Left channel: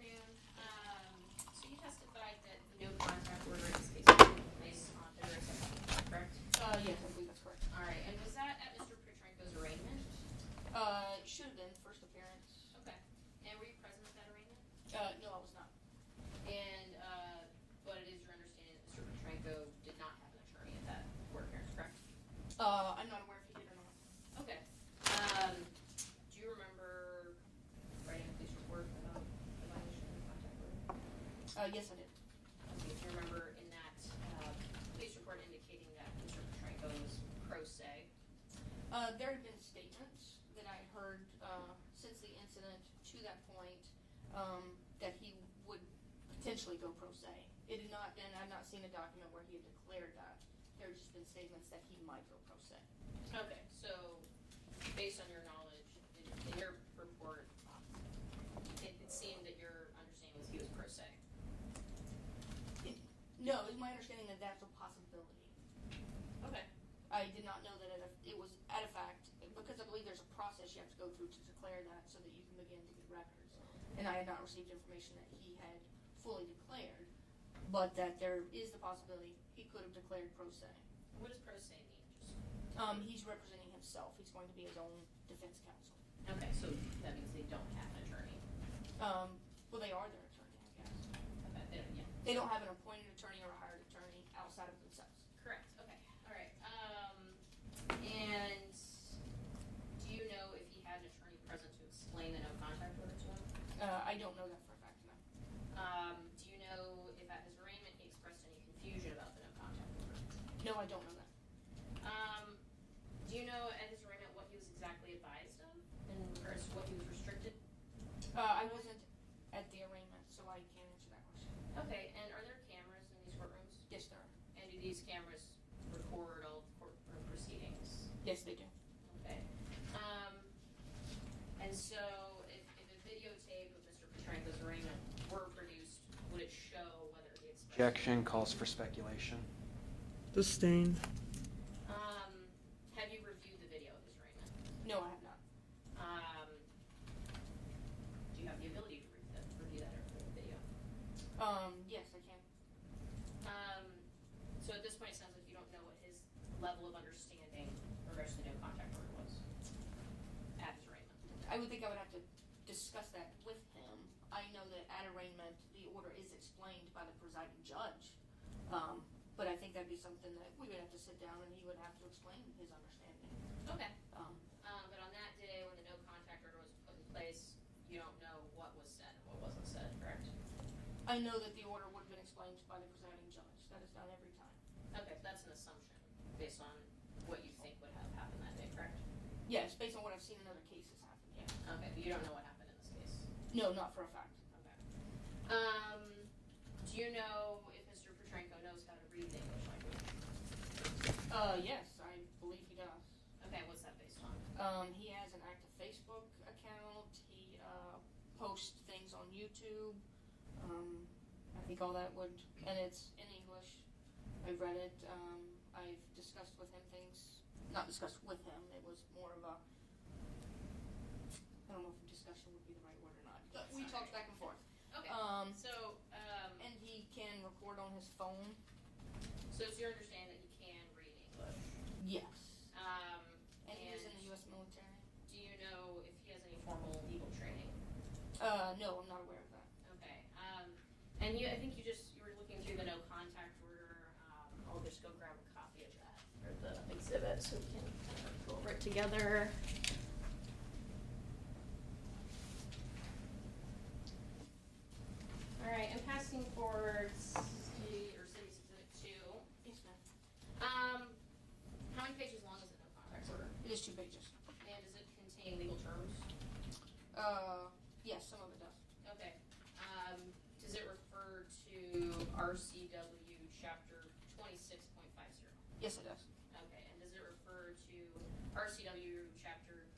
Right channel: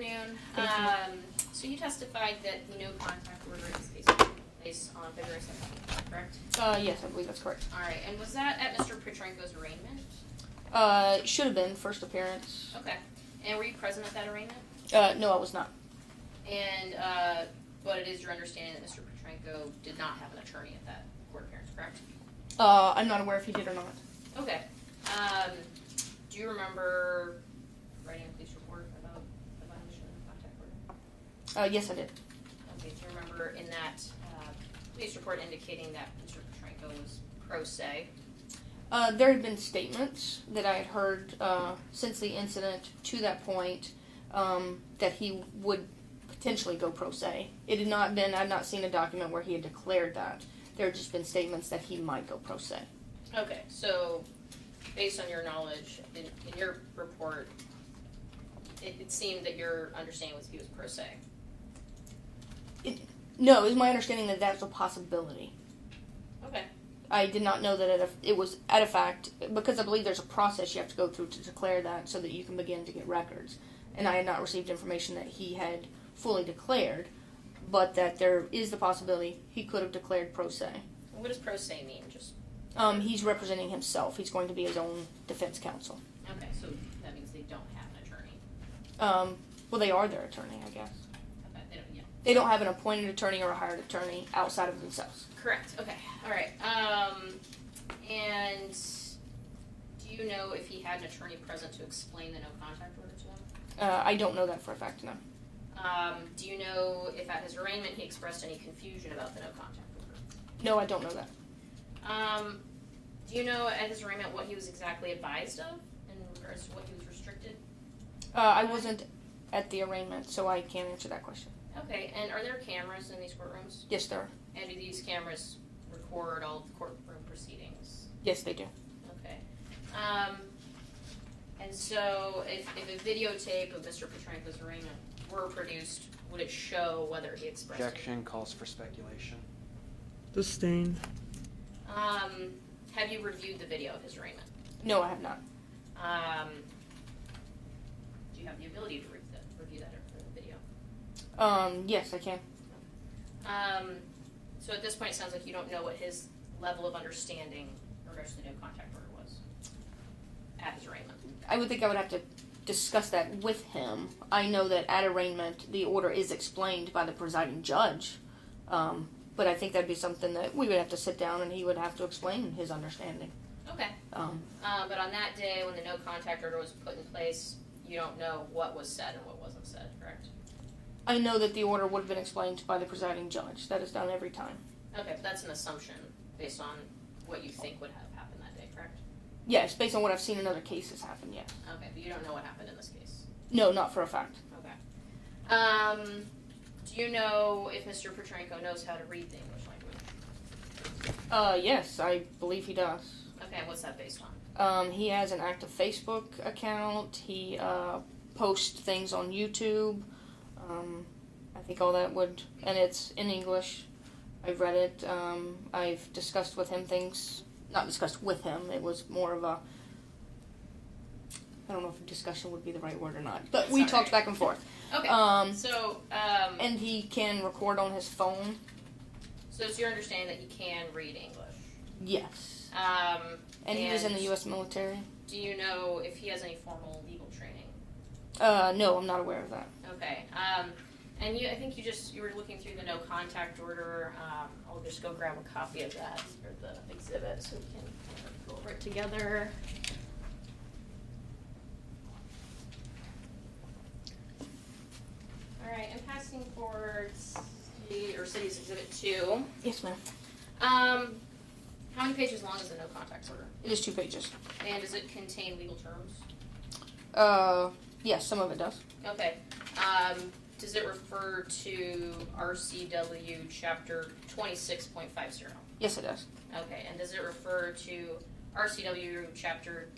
afternoon. Thank you. So you testified that the no contact order in this case was taking place on February 17th, correct? Yes, I believe that's correct. All right, and was that at Mr. Petrenko's arraignment? It should have been first appearance. Okay. And were you present at that arraignment? No, I was not. And, but it is your understanding that Mr. Petrenko did not have an attorney at that court appearance, correct? I'm not aware if he did or not. Okay. Do you remember writing a police report about the violation of the contact order? Yes, I did. Okay. Do you remember in that police report indicating that Mr. Petrenko was pro se? There had been statements that I had heard since the incident to that point that he would potentially go pro se. It had not been, I've not seen a document where he had declared that. There had just been statements that he might go pro se. Okay, so based on your knowledge, in your report, it seemed that your understanding was he was pro se. No, it was my understanding that that's a possibility. Okay. I did not know that it was at a fact, because I believe there's a process you have to go through to declare that so that you can begin to get records. And I had not received information that he had fully declared, but that there is the possibility he could have declared pro se. What does pro se mean? Just he's representing himself. He's going to be his own defense counsel. okay, so that means they don't have an attorney. Well, they are their attorney, I guess. Okay, they don't, yeah. They don't have an appointed attorney or a hired attorney outside of themselves. Correct. Okay. All right. And do you know if he had an attorney present to explain the no contact order to him? I don't know that for a fact, no. Do you know if at his arraignment he expressed any confusion about the no contact order? No, I don't know that. Do you know at his arraignment what he was exactly advised of in regards to what he was restricted? I wasn't at the arraignment, so I can't answer that question. Okay, and are there cameras in these courtrooms? Yes, there are. And do these cameras record all of the courtroom proceedings? Yes, they do. Okay. And so if a videotape of Mr. Petrenko's arraignment were produced, would it show whether he expressed... Objection calls for speculation. Sustained. Have you reviewed the video of his arraignment? No, I have not. Do you have the ability to review that video? Yes, I can. So at this point, it sounds like you don't know what his level of understanding in regards to the no contact order was at his arraignment. I would think I would have to discuss that with him. I know that at arraignment, the order is explained by the presiding judge. But I think that'd be something that we would have to sit down and he would have to explain his understanding. Okay. But on that day when the no contact order was put in place, you don't know what was said and what wasn't said, correct? I know that the order would have been explained by the presiding judge. That is done every time. Okay, but that's an assumption based on what you think would have happened that day, correct? Yes, based on what I've seen in other cases happen, yes. Okay, but you don't know what happened in this case? No, not for a fact. Okay. Do you know if Mr. Petrenko knows how to read the English language? Yes, I believe he does. Okay, what's that based on? He has an active Facebook account. He posts things on YouTube. I think all that would, and it's in English. I've read it. I've discussed with him things, not discussed with him. It was more of a, I don't know if discussion would be the right word or not, but That's we all talked right. back and forth. Okay, And he can record on his phone. So it's your understanding that he can read English? Yes. And he was in the U.S. military. Do you know if he has any formal legal training? No, I'm not aware of that. Okay. And I think you were looking through the no contact order. I'll just go grab a copy of that, or the exhibit, so we can go over it together. All right, I'm passing forward City's Exhibit 2. Yes, ma'am. How many pages long is the no contact order? It is 2 pages. And does it contain legal terms? Yes, some of it does. Okay. Does it refer to RCW Chapter 26.50? Yes, it does. Okay. And does it refer to RCW Chapter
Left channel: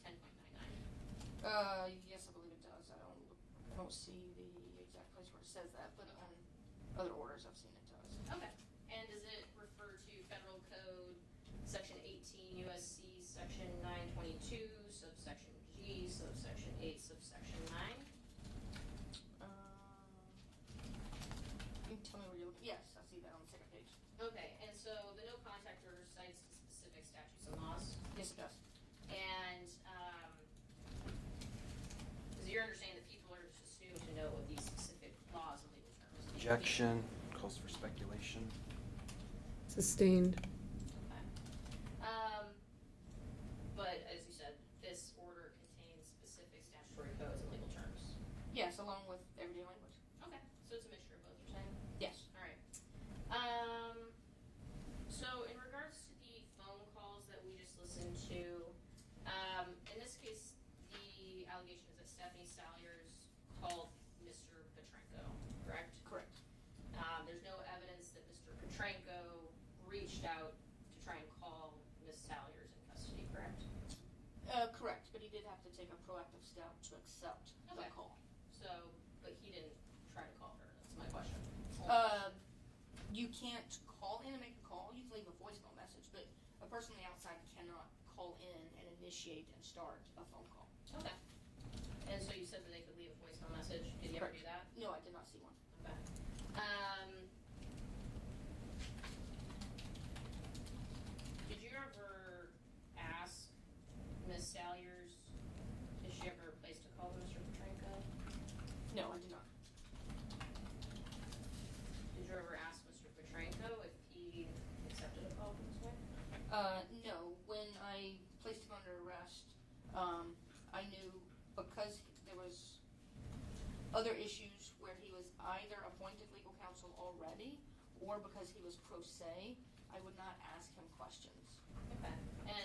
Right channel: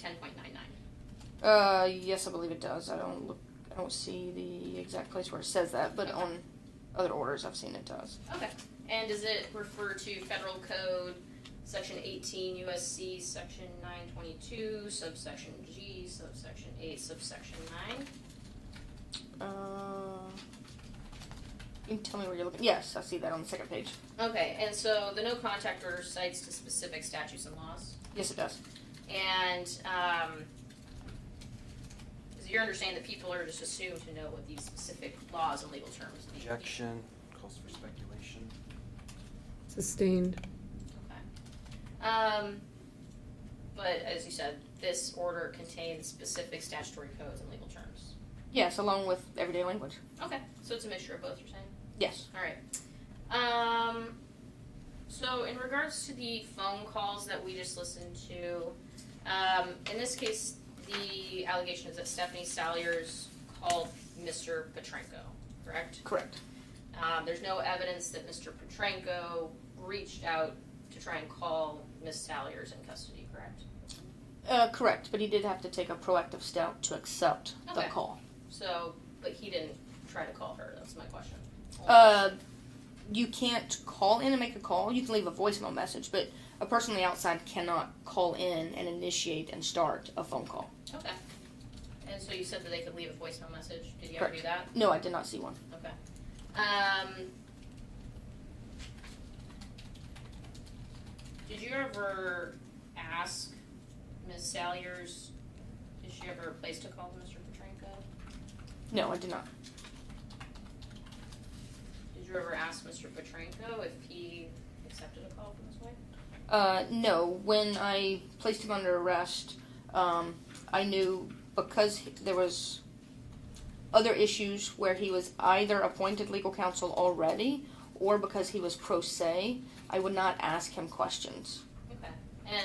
10.99? Yes, I believe it does. I don't see the exact place where it says that, but on other orders I've seen it does. Okay. And does it refer to Federal Code Section 18 U.S.C. Section 922, subsection G, subsection 8, subsection You can tell me where you're looking. Yes, I see that on the second page. Okay, and so the no contact order cites to specific statutes and laws. Yes, it does. And is it your understanding that people are just assumed to know what these specific laws and legal terms mean? Objection, calls for speculation. Sustained. Okay. But as you said, this order contains specific statutory codes and legal terms. Yes, along with everyday language. Okay, so it's a mixture of both, you're saying? Yes. All right. So in regards to the phone calls that we just listened to, in this case, the allegation is that Stephanie Salyers called Mr. Petrenko, correct? Correct. There's no evidence that Mr. Petrenko reached out to try and call Miss Salyers in custody, correct? Correct, but he did have to take a proactive step to accept the Okay. call. So, but he didn't try to call her, that's my question. You can't call in and make a call. You can leave a voicemail message, but a person on the outside cannot call in and initiate and start a phone call. Okay. And so you said that they could leave a voicemail message. Did you ever Correct. do that? No, I did not see one. Okay. Did you ever ask Miss Salyers, did she ever place a call to Mr. Petrenko? No, I did not. Did you ever ask Mr. Petrenko if he accepted a call from this way? No. When I placed him under arrest, I knew because there was other issues where he was either appointed legal counsel already or because he was pro se, I would not ask him questions. Okay. And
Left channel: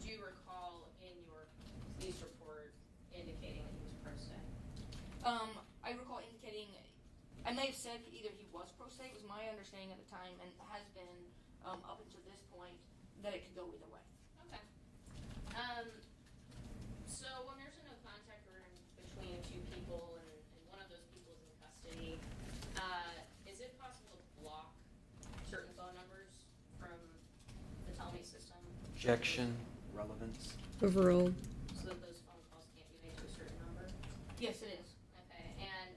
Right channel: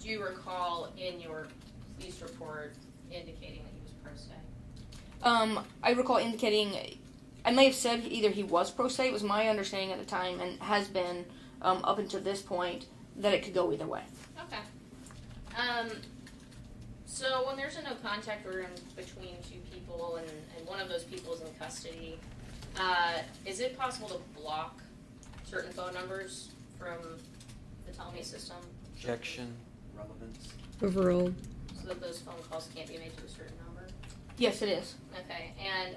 do you recall in your police report indicating that he was pro se? I recall indicating, I may have said either he was pro se, it was my understanding at the time and has been up until this point that it could go either way. Okay. So when there's a no contact order in between two people and one of those people is in custody, is it possible to block certain phone numbers from the Telme system Objection, relevance. Overruled. so that those phone calls can't be made to a certain number? Yes, it is. Okay, and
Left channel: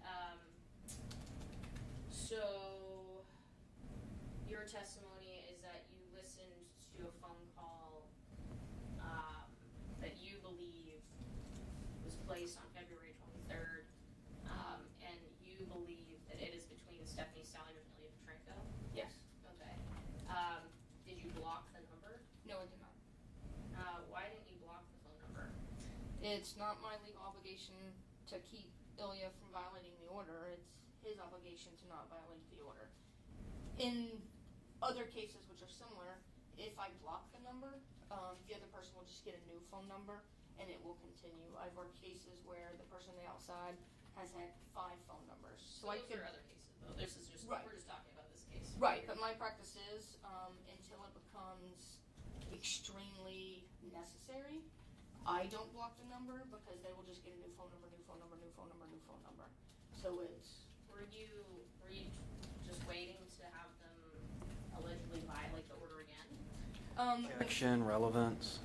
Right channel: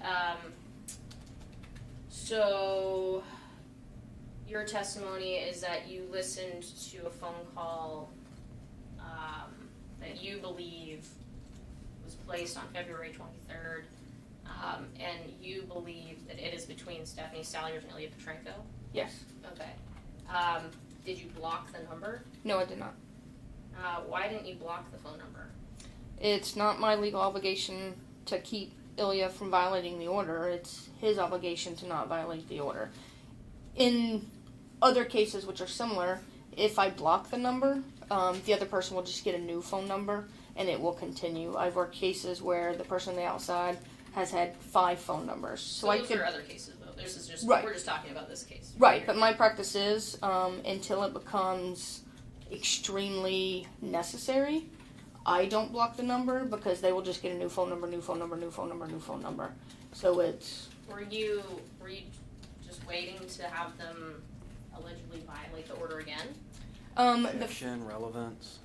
so your testimony is that you listened to a phone call that you believe was placed on February 23rd, and you believe that it is between Stephanie Salyers and Ilya Petrenko? Yes. Okay. Did you block the number? No, I did not. Why didn't you block the phone number? It's not my legal obligation to keep Ilya from violating the order. It's his obligation to not violate the order. In other cases which are similar, if I block the number, the other person will just get a new phone number and it will continue. I've worked cases where the person on the outside has had 5 phone numbers. So I those could, are other cases, though. This is just, Right. we're just talking about this case. right, but my practice is until it becomes extremely necessary, I don't block the number because they will just get a new phone number, new phone number, new phone number, new phone number. So it's Were you just waiting to have them allegedly violate the order again? the Objection, relevance.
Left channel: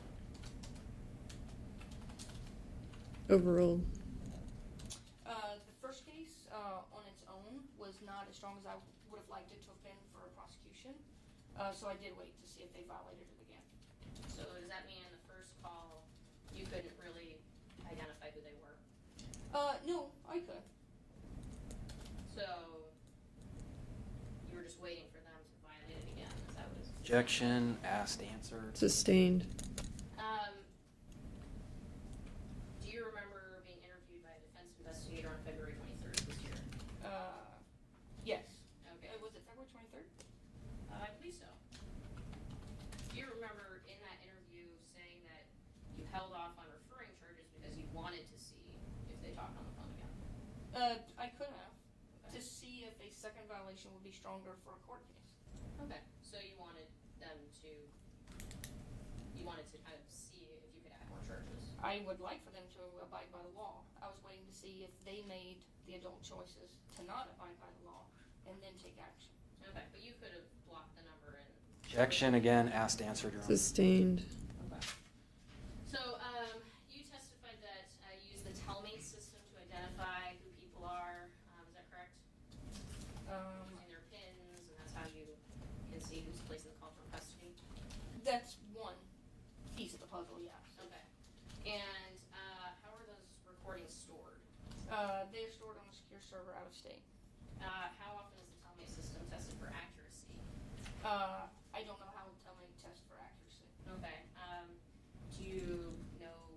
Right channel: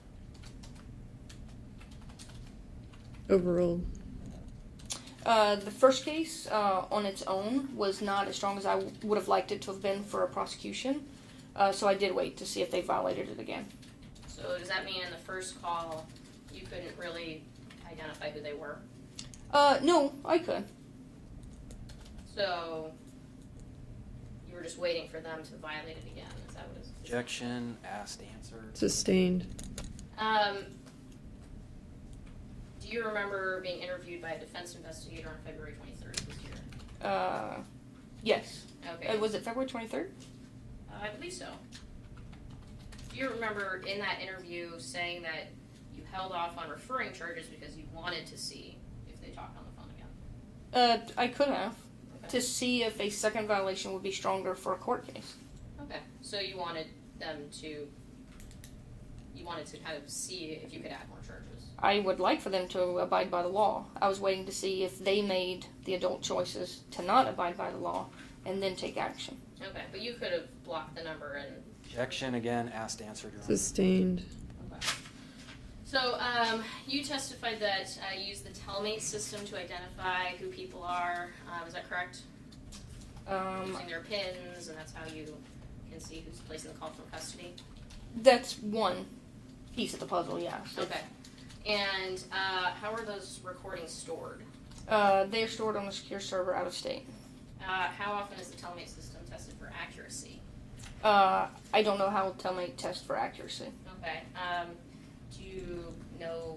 Overruled. The first case on its own was not as strong as I would have liked it to have been for a prosecution, so I did wait to see if they violated it again. So does that mean in the first call you couldn't really identify who they were? No, I could. So you were just waiting for them to violate it again? Is that what it is? Objection, asked, answered. Sustained. Do you remember being interviewed by a defense investigator on February 23rd this year? Yes. Okay. Was it February 23rd? I believe so. Do you remember in that interview saying that you held off on referring charges because you wanted to see if they talked on the phone again? I could have. Okay. To see if a second violation would be stronger for a court case. Okay. So you wanted them to, kind of see if you could add more charges. I would like for them to abide by the law. I was waiting to see if they made the adult choices to not abide by the law and then take action. Okay, but you could have blocked the number and... Objection, again, asked, answered. Your Honor. Sustained. Okay. So, you testified that you use the Telmate system to identify who people are. Is that correct? Using their pins, and that's how you can see who's placing the call from custody. That's one piece of the puzzle, yeah. Okay. And how are those recordings stored? They're stored on a secure server out of state. How often is the Telmate system tested for accuracy? I don't know how Telmate tests for accuracy. Okay. Do you know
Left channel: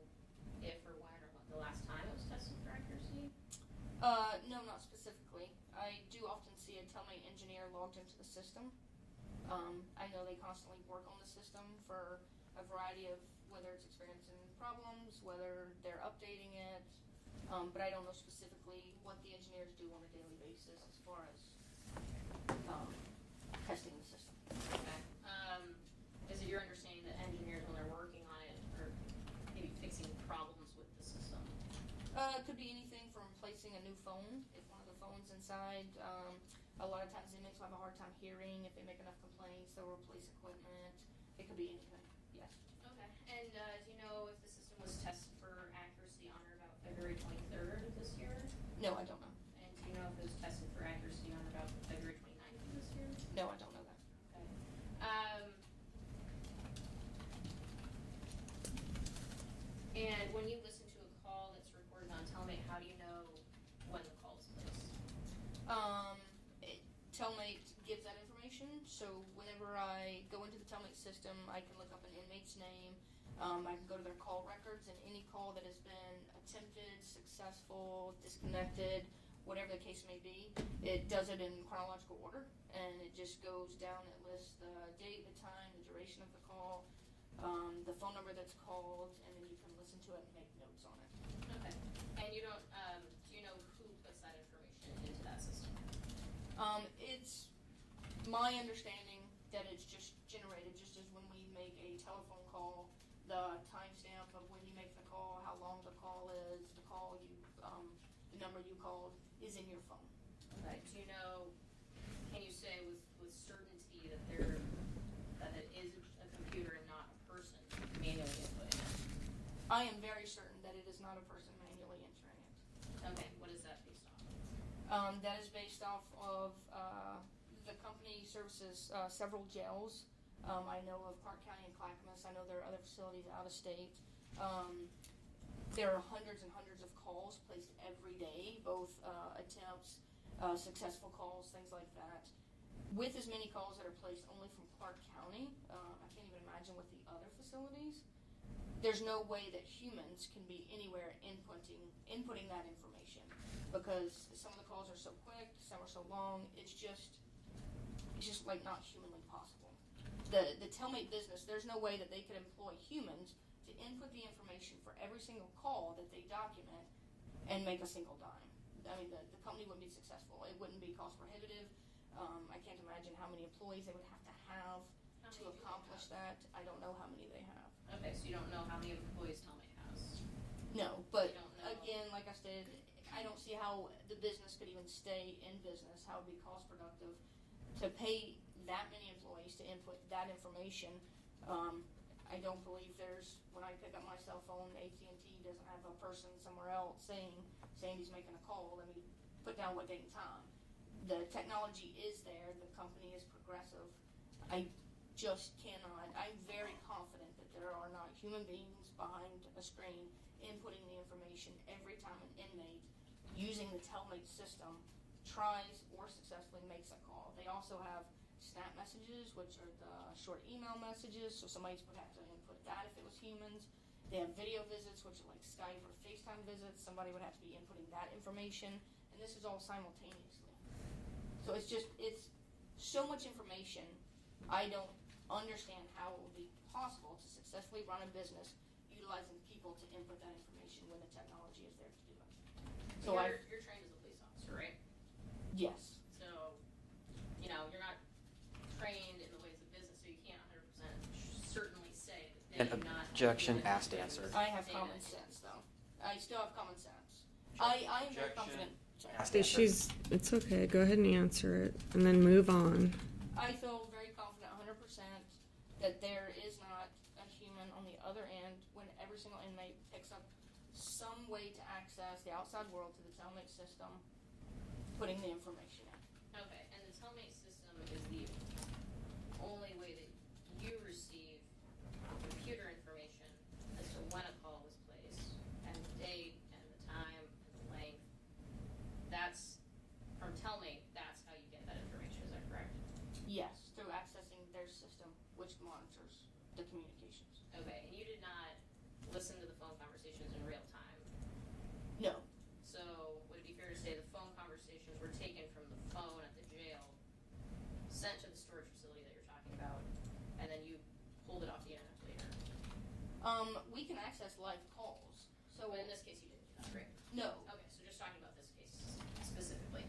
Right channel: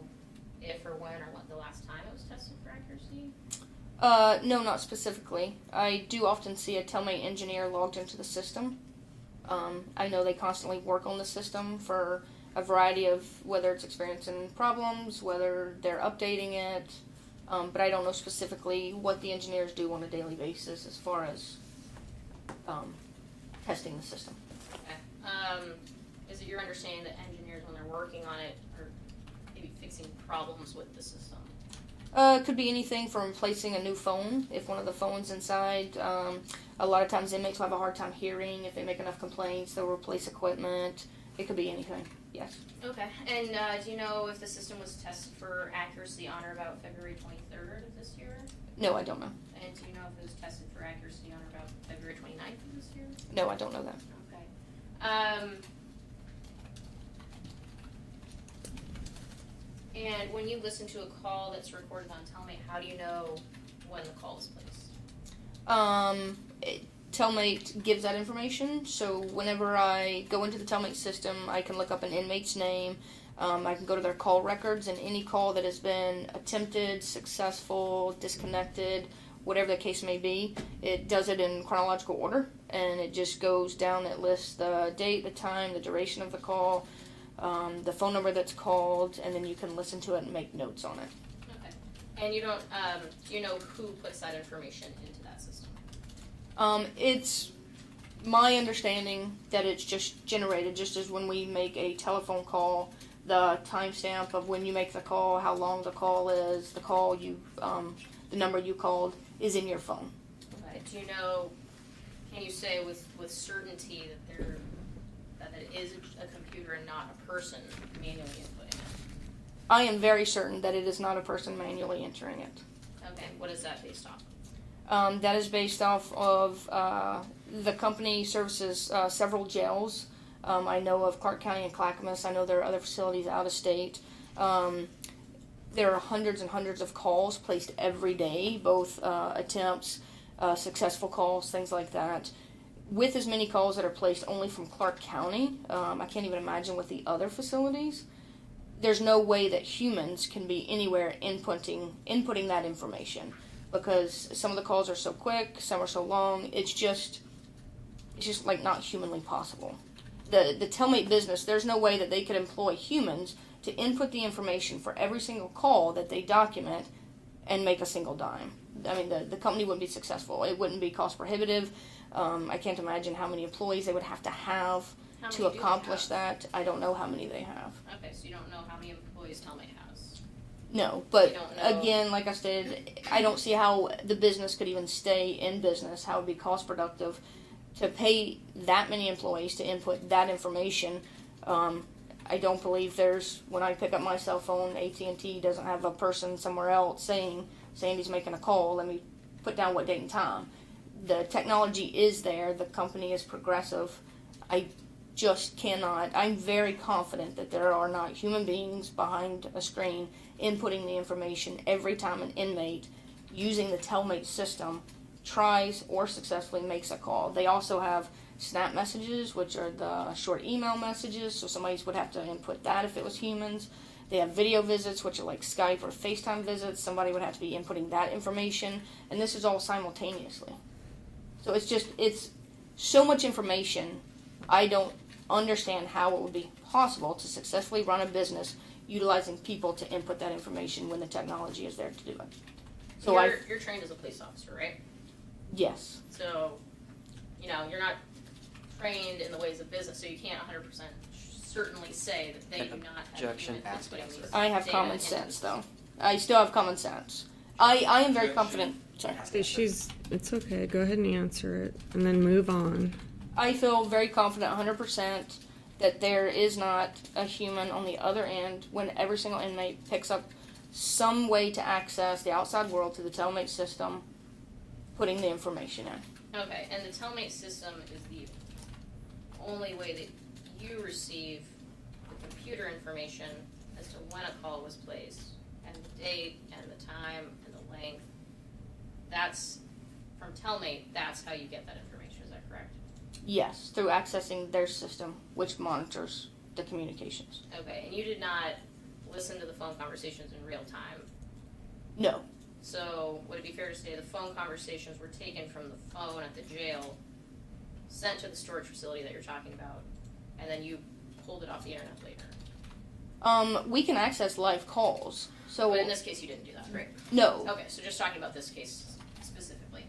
if or when or what the last time it was tested for accuracy? No, not specifically. I do often see a Telmate engineer logged into the system. I know they constantly work on the system for a variety of whether it's experiencing problems, whether they're updating it, but I don't know specifically what the engineers do on a daily basis as far as testing the system. Okay. Is it your understanding that engineers, when they're working on it, are maybe fixing problems with the system? It could be anything from replacing a new phone. If one of the phones inside, a lot of times inmates will have a hard time hearing. If they make enough complaints, they'll replace equipment. It could be anything, yes. Okay. And do you know if the system was tested for accuracy on or about February 23rd of this year? No, I don't know. And do you know if it was tested for accuracy on or about February 29th of this year? No, I don't know that. Okay. And when you listen to a call that's recorded on Telmate, how do you know when the call was placed? Telmate gives that information, so whenever I go into the Telmate system, I can look up an inmate's name. I can go to their call records, and any call that has been attempted, successful, disconnected, whatever the case may be, it does it in chronological order, and it just goes down. It lists the date, the time, the duration of the call, the phone number that's called, and then you can listen to it and make notes on it. Okay. And you don't, do you know who puts that information into that system? It's my understanding that it's just generated, just as when we make a telephone call, the timestamp of when you make the call, how long the call is, the call you, the number you called is in your phone. Okay. Do you know, can you say with certainty that it is a computer and not a person manually inputting it? I am very certain that it is not a person manually entering it. Okay. What is that based off? That is based off of the company services several jails. I know of Clark County and Clackamas. I know there are other facilities out of state. There are hundreds and hundreds of calls placed every day, both attempts, successful calls, things like that. With as many calls that are placed only from Clark County, I can't even imagine with the other facilities. There's no way that humans can be anywhere inputting that information, because some of the calls are so quick, some are so long. It's just like not humanly possible. The Telmate business, there's no way that they could employ humans to input the information for every single call that they document and make a single dime. I mean, the company wouldn't be successful. It wouldn't be cost prohibitive. I can't imagine how many employees they would have to have to accomplish that. I don't know how many they have. Okay, so you don't know how many employees Telmate has. No, but You don't know. again, like I said, I don't see how the business could even stay in business, how it would be cost productive to pay that many employees to input that information. I don't believe when I pick up my cell phone, AT&T doesn't have a person somewhere else saying Sandy's making a call, let me put down what date and time. The technology is there, the company is progressive. I just cannot, I'm very confident that there are not human beings behind a screen inputting the information every time an inmate using the Telmate system tries or successfully makes a call. They also have snap messages, which are the short email messages, so somebody would have to input that if it was humans. They have video visits, which are like Skype or FaceTime visits. Somebody would have to be inputting that information, and this is all simultaneously. So it's so much information. I don't understand how it would be possible to successfully run a business utilizing people to input that information when the technology is there to do it. So You're trained as a police officer, right? Yes. So, you're not trained in the ways of business, so you can't 100% certainly say that they do not have Objection, human asked, inputting answered. I have data common into sense, the though. system. I still have common sense. I am very confident. Sorry. It's okay. Go ahead and answer it, and then move on. I feel very confident 100% that there is not a human on the other end when every single inmate picks up some way to access the outside world to the telemate system, putting the information in. Okay, and the telemate system is the only way that you receive the computer information as to when a call was placed, and the date, and the time, and the length. That's, from telemate, that's how you get that information, is that correct? Yes, through accessing their system, which monitors the communications. Okay, and you did not listen to the phone conversations in real time. No. So, would it be fair to say the phone conversations were taken from the phone at the jail, sent to the storage facility that you're talking about, and then you pulled it off the internet later? We can access live calls. So But in this case, you didn't do that, right? no. Okay, so just talking about this case specifically.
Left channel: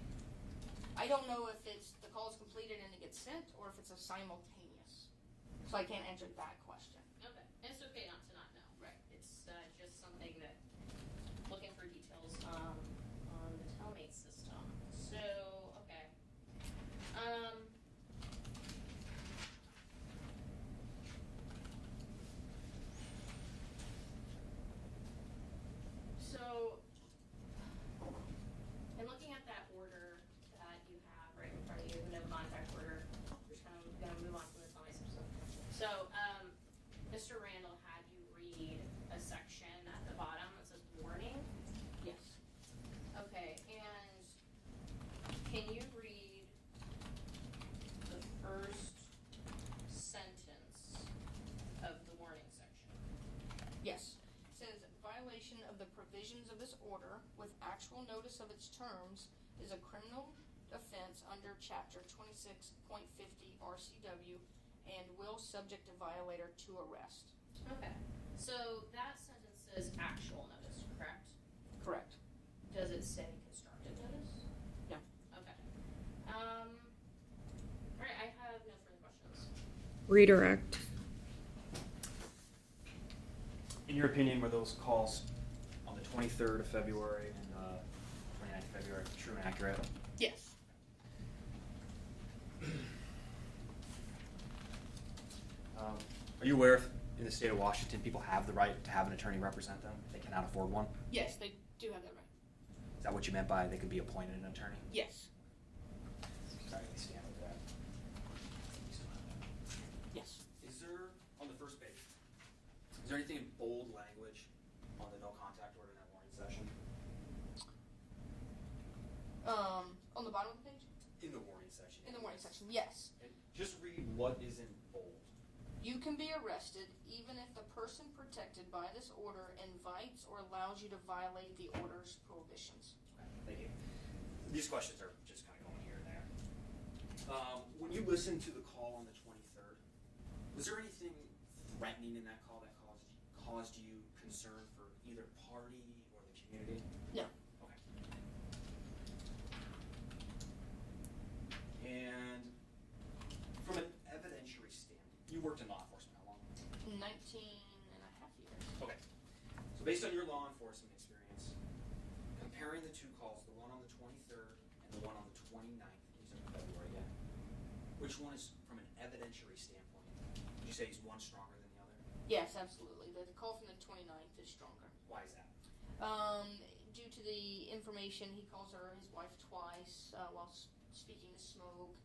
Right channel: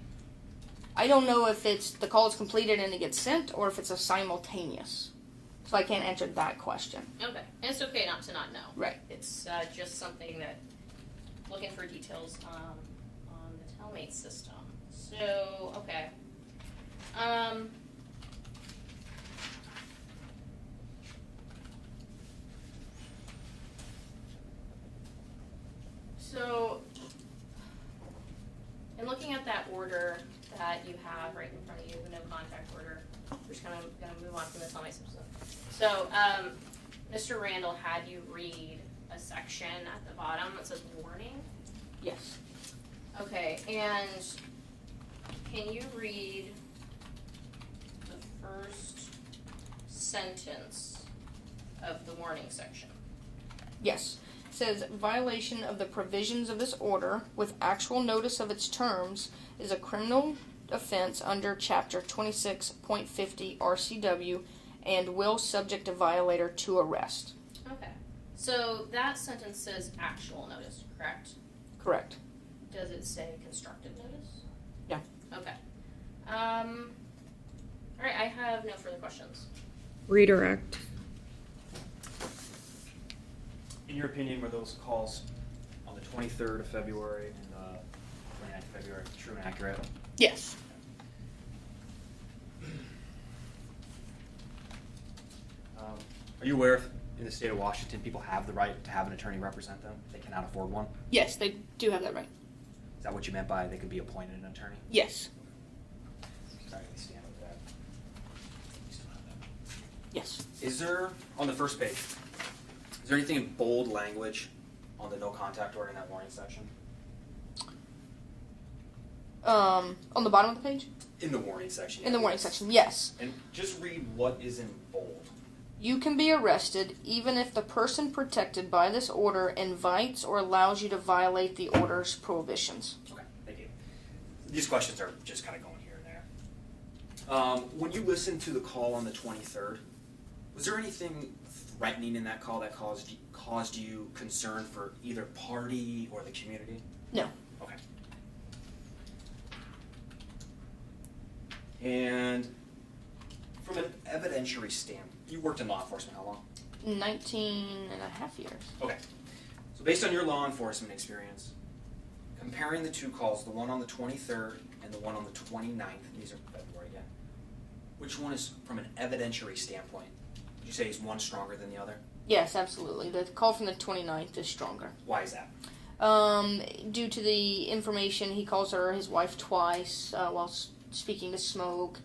I don't know if it's the call is completed and it gets sent, or if it's a simultaneous. So I can't answer that question. Okay, and it's okay not to not know. Right. It's just something that, looking for details on the telemate system. So, okay. So, in looking at that order that you have right in front of you, the no contact order, we're just kind of going to move on from the telemate system. So, Mr. Randall had you read a section at the bottom that says warning. Yes. Okay, and can you read the first sentence of the warning section? Yes. It says violation of the provisions of this order with actual notice of its terms is a criminal offense under Chapter 26.50 RCW and will subject a violator to arrest. Okay, so that sentence says actual notice, correct? Correct. Does it say constructive notice? No. Okay. All right, I have no further questions. Redirect. In your opinion, were those calls on the 23rd of February and the 29th of February true and accurate? Yes. Are you aware if in the state of Washington people have the right to have an attorney represent them? They cannot afford one? Yes, they do have that right. Is that what you meant by they could be appointed an attorney? Yes. Sorry, we stand with that. We still have that. Yes. Is there, on the first page, is there anything in bold language on the no contact order in that warning section? On the bottom of the page? In the warning section. In the warning section, yes. And just read what is in bold. You can be arrested even if the person protected by this order invites or allows you to violate the order's prohibitions. Okay, thank you. These questions are just kind of going here and there. When you listened to the call on the 23rd, was there anything threatening in that call that caused you concern for either party or the community? No. Okay. And from an evidentiary standpoint, you worked in law enforcement how long? 19 and a half years. Okay. So based on your law enforcement experience, comparing the two calls, the one on the 23rd and the one on the 29th, these are February again, which one is, from an evidentiary standpoint, would you say is one stronger than the other? Yes, absolutely. The call from the 29th is stronger. Why is that? Due to the information, he calls her his wife twice while speaking to Smoke.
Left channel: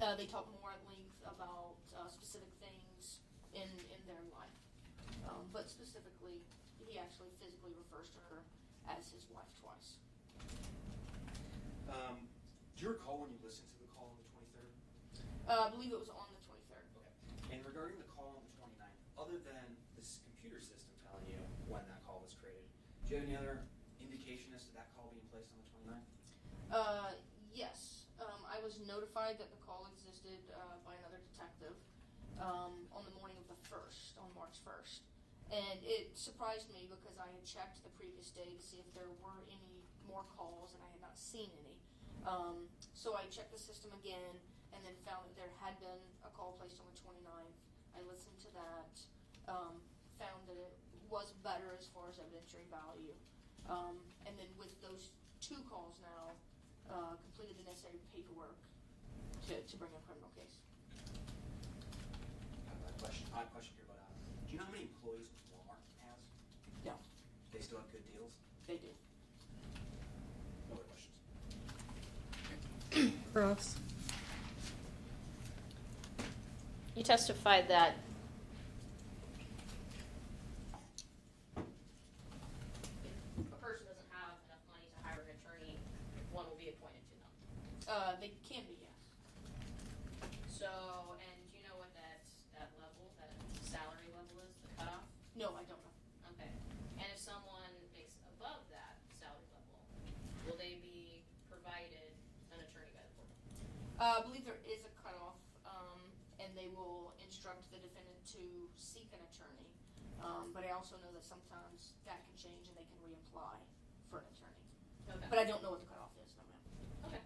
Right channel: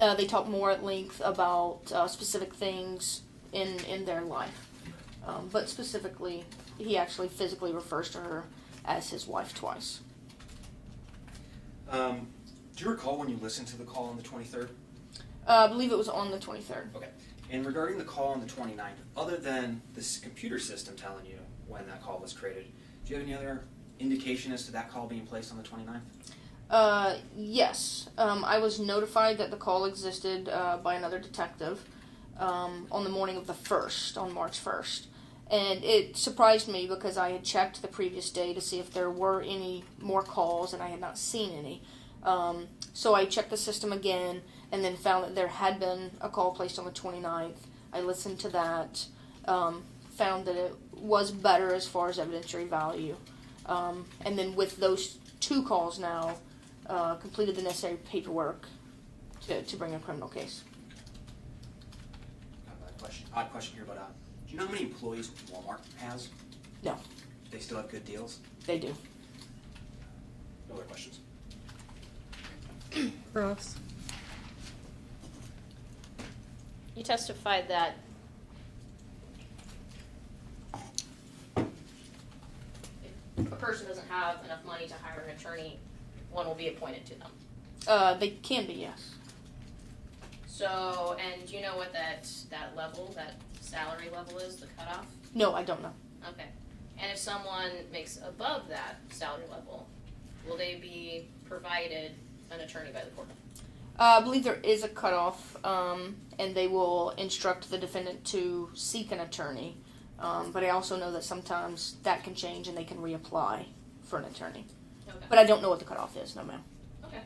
They talk more at length about specific things in their life. But specifically, he actually physically refers to her as his wife twice. Do you recall when you listened to the call on the 23rd? I believe it was on the 23rd. Okay. And regarding the call on the 29th, other than this computer system telling you when that call was created, do you have any other indication as to that call being placed on the 29th? Yes. I was notified that the call existed by another detective on the morning of the 1st, on March 1st. And it surprised me because I had checked the previous day to see if there were any more calls, and I had not seen any. So I checked the system again and then found that there had been a call placed on the 29th. I listened to that, found that it was better as far as evidentiary value. And then with those two calls now, completed the necessary paperwork to bring a criminal case. odd question here, but do you know how many employees Walmart has? No, They still have good deals? they do. No other questions? Ross. You testified that if a person doesn't have enough money to hire an attorney, one will be appointed to them. They can be, yes. So, and do you know what that level, that salary level is, the cutoff? No, I don't know. Okay. And if someone makes above that salary level, will they be provided an attorney by the court? I believe there is a cutoff, and they will instruct the defendant to seek an attorney. But I also know that sometimes that can change and they can reapply for an attorney. Okay. But I don't know what the cutoff is, no ma'am. Okay.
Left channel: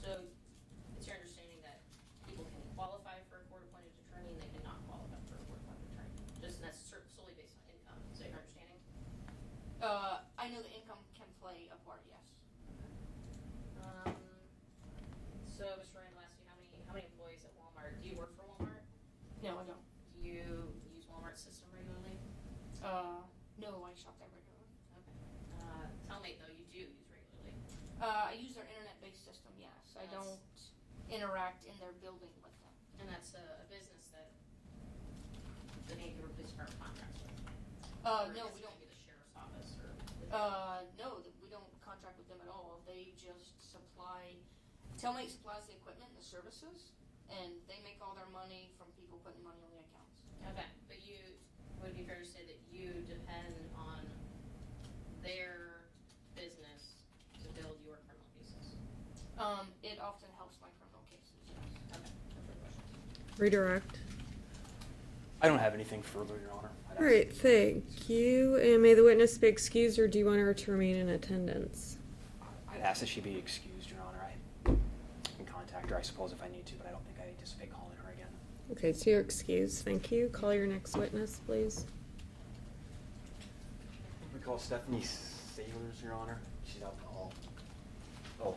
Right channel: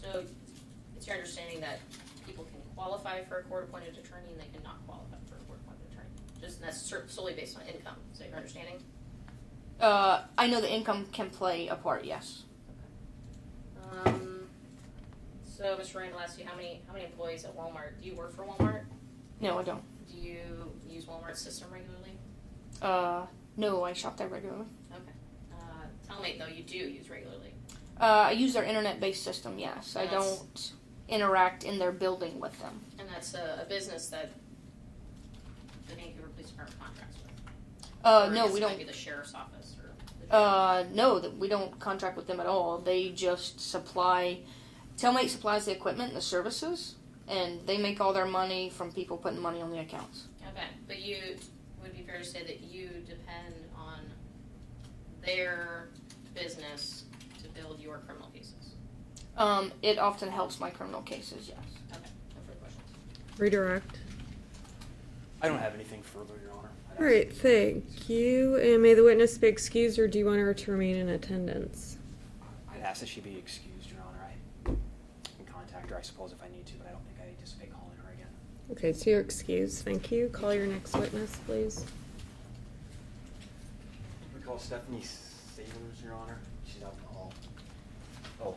So it's your understanding that people can qualify for a court-appointed attorney and they cannot qualify for a court-appointed attorney? Just and that's solely based on income. Is that your understanding? I know the income can play a part, yes. So Mr. Randall asked you how many employees at Walmart? Do you work for Walmart? No, I don't. Do you use Walmart's system regularly? No, I shop there regularly. Okay. Telmate though you do use regularly. I use their internet-based system, yes. I Yes. don't interact in their building with them. And that's a business that the Vancouver Police Department contracts with. No, Or I we guess it might don't. be the sheriff's office or the No, that we don't contract with them at all. They just supply. Telmate supplies the equipment and the services, and they make all their money from people putting money on the accounts. Okay, but would it be fair to say that you depend on their business to build your criminal cases? It often helps my criminal cases, yes. Okay, no further questions. Redirect. I don't have anything further, Your Honor. All right, thank you. And may the witness be excused, or do you want her to remain in attendance? I'd ask that she be excused, Your Honor. I can contact her, I suppose, if I need to, but I don't think I anticipate calling her again. Okay, so you're excused. Thank you. Call your next witness, please. We call Stephanie Sailors, Your Honor. She's out in the hall. Oh,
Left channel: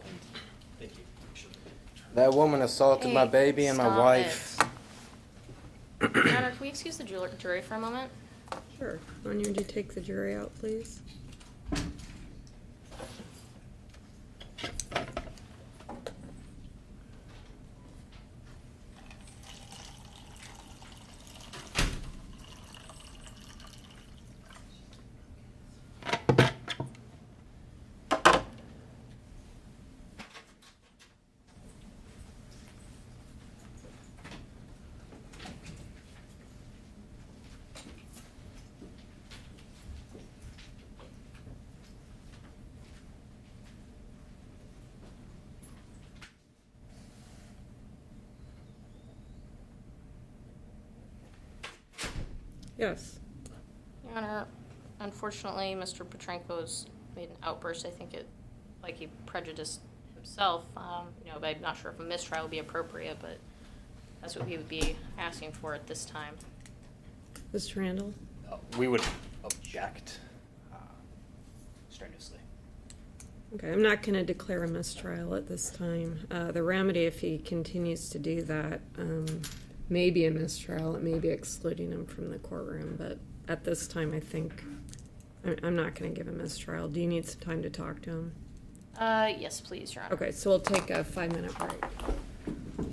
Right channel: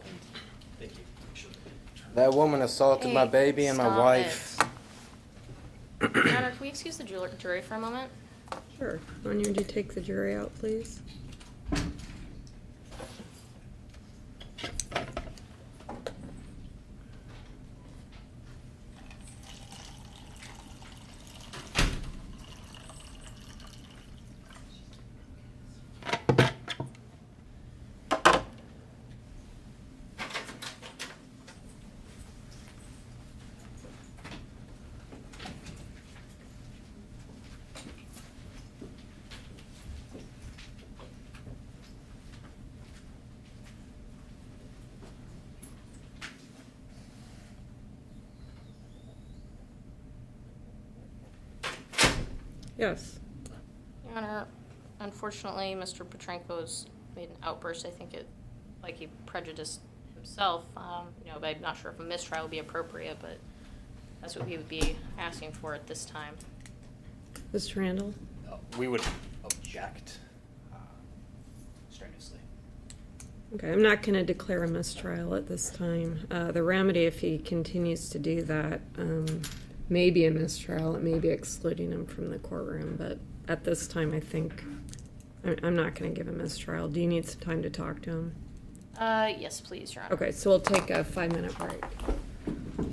thank you. Sure. That woman assaulted my baby and my Stop wife. it. Your Honor, can we excuse the jury for a moment? Sure. Anya, would you take the jury out, please? Yes. Your Honor, unfortunately, Mr. Petrenko's made an outburst. I think like he prejudiced himself. But I'm not sure if a mistrial would be appropriate, but that's what we would be asking for at this time. Mr. Randall? We would object strenuously. Okay, I'm not going to declare a mistrial at this time. The remedy, if he continues to do that, may be a mistrial. It may be excluding him from the courtroom, but at this time, I think I'm not going to give a mistrial. Do you need some time to talk to him? Yes, please, Your Honor. Okay, so we'll take a 5-minute break.